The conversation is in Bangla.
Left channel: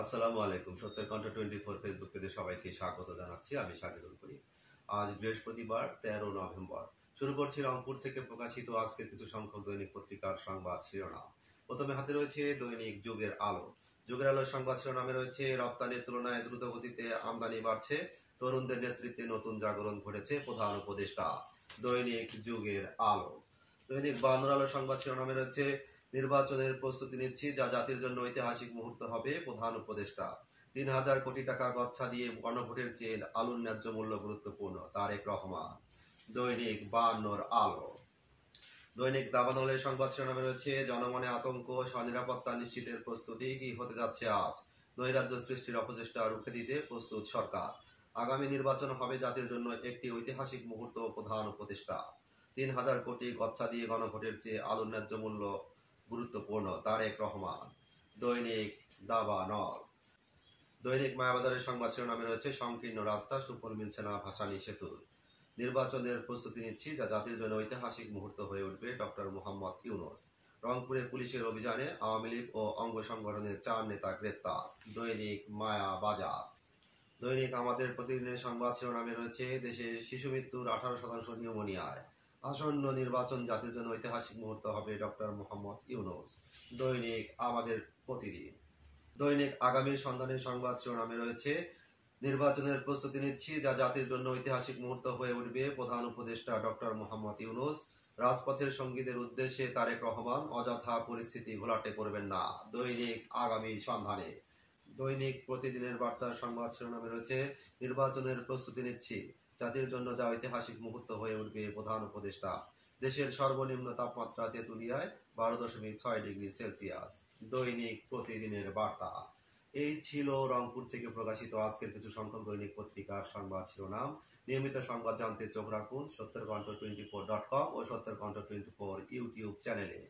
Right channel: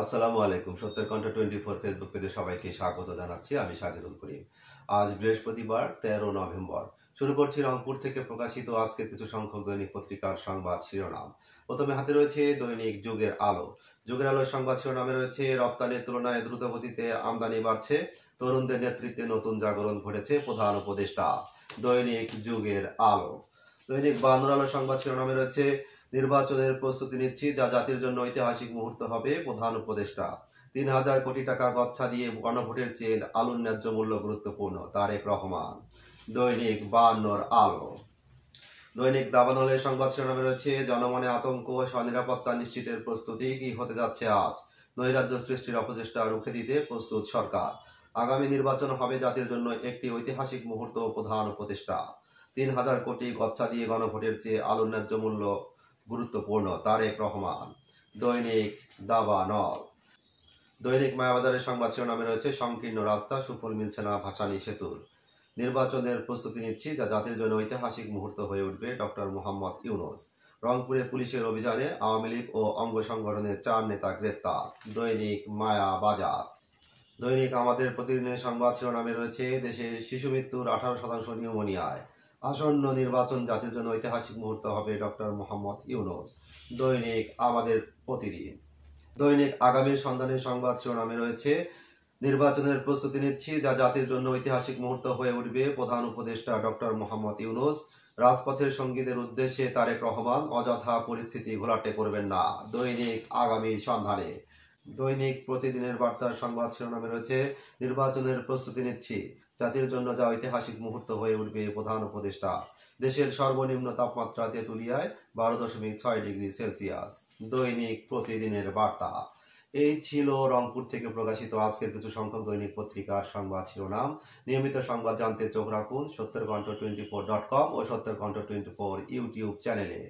আসসালামু আলাইকুম। সত্যের কণ্ঠ 24 ফেসবুক পেজে সবাইকে স্বাগত জানাচ্ছি। আমি সাজিদুল করিম। আজ বৃহস্পতিবার 13 নভেম্বর। শুরু করছি রংপুর থেকে প্রকাশিত আজকের কিছু সংখ্যক দৈনিক পত্রিকার সংবাদ শিরোনাম। প্রথমে হাতে রয়েছে দৈনিক যুগের আলো। যুগের আলোর সংবাদ শিরোনামে রয়েছে রপ্তানির তুলনায় দ্রুত গতিতে আমদানি বাড়ছে, তরুণদের নেতৃত্বে নতুন জাগরণ ঘটেছে প্রধান উপদেষ্টা। দৈনিক যুগের আলো। দৈনিক বাংলার আলো সংবাদ শিরোনামে রয়েছে নির্বাচনের প্রস্তুতি নিচ্ছি, যা জাতির জন্য ঐতিহাসিক মুহূর্ত হবে, প্রধান উপদেষ্টা। ৩,০০০ কোটি টাকা গচ্ছা দিয়ে গণভোটের চেয়ে আলুর ন্যায্য মূল্য গুরুত্বপূর্ণ, তারেক রহমান। দৈনিক বায়ান্নর আলো। দৈনিক দাবানলের সংবাদ শিরোনামে রয়েছে জনমনে আতঙ্ক, স্বনিরাপত্তা নিশ্চিতের প্রস্তুতি কি হতে যাচ্ছে আজ। নৈরাজ্য সৃষ্টির অপচেষ্টা রুখে দিতে প্রস্তুত সরকার। আগামী নির্বাচন হবে জাতির জন্য একটি ঐতিহাসিক মুহূর্ত, প্রধান উপদেষ্টা। ৩,০০০ কোটি গচ্ছা দিয়ে গণভোটের চেয়ে আলুর ন্যায্য মূল্য গুরুত্বপূর্ণ, তারেক রহমান। দৈনিক দাবানল। দৈনিক মায়াবাজারের সংবাদ শিরোনামে রয়েছে সংকীর্ণ রাস্তা, সুফল মিলছে না ভাসানী সেতুর। নির্বাচনের প্রস্তুতি নিচ্ছি, যা জাতির জন্য ঐতিহাসিক মুহূর্ত হয়ে উঠবে, ডক্টর মোহাম্মদ ইউনূস। রংপুরে পুলিশের অভিযানে আওয়ামী লীগ ও অঙ্গ সংগঠনের 4 নেতা গ্রেপ্তার। দৈনিক মায়াবাজার। দৈনিক আমাদের প্রতিদিনের সংবাদ শিরোনামে রয়েছে দেশে শিশু মৃত্যুর 18% নিউমোনিয়ায়। আসন্ন নির্বাচন জাতির জন্য ঐতিহাসিক মুহূর্ত হবে, ডক্টর মোহাম্মদ ইউনূস। দৈনিক আমাদের প্রতিদিন। দৈনিক আগামীর সন্ধানের সংবাদ শিরোনামে রয়েছে নির্বাচনের প্রস্তুতি নিচ্ছি, যা জাতির জন্য ঐতিহাসিক মুহূর্ত হয়ে উঠবে, প্রধান উপদেষ্টা ডক্টর মোহাম্মদ ইউনূস। রাজপথের সঙ্গীদের উদ্দেশ্যে তারেক রহমান, অযথা পরিস্থিতি ঘোলাটে করবেন না। দৈনিক আগামীর সন্ধানে। দৈনিক প্রতিদিনের বার্তার সংবাদ শিরোনামে রয়েছে নির্বাচনের প্রস্তুতি নিচ্ছি, জাতির জন্য যা ঐতিহাসিক মুহূর্ত হয়ে উঠবে, প্রধান উপদেষ্টা। দেশের সর্বনিম্ন তাপমাত্রা তেঁতুলিয়ায় 12.6 ডিগ্রি সেলসিয়াস। দৈনিক প্রতিদিনের বার্তা। এই ছিল রংপুর থেকে প্রকাশিত আজকের কিছু সংখ্যক দৈনিক পত্রিকার সংবাদ শিরোনাম। নিয়মিত সংবাদ জানতে চোখ রাখুন সত্যের কণ্ঠ 24.com ও সত্যের কণ্ঠ 24 ইউটিউব চ্যানেলে।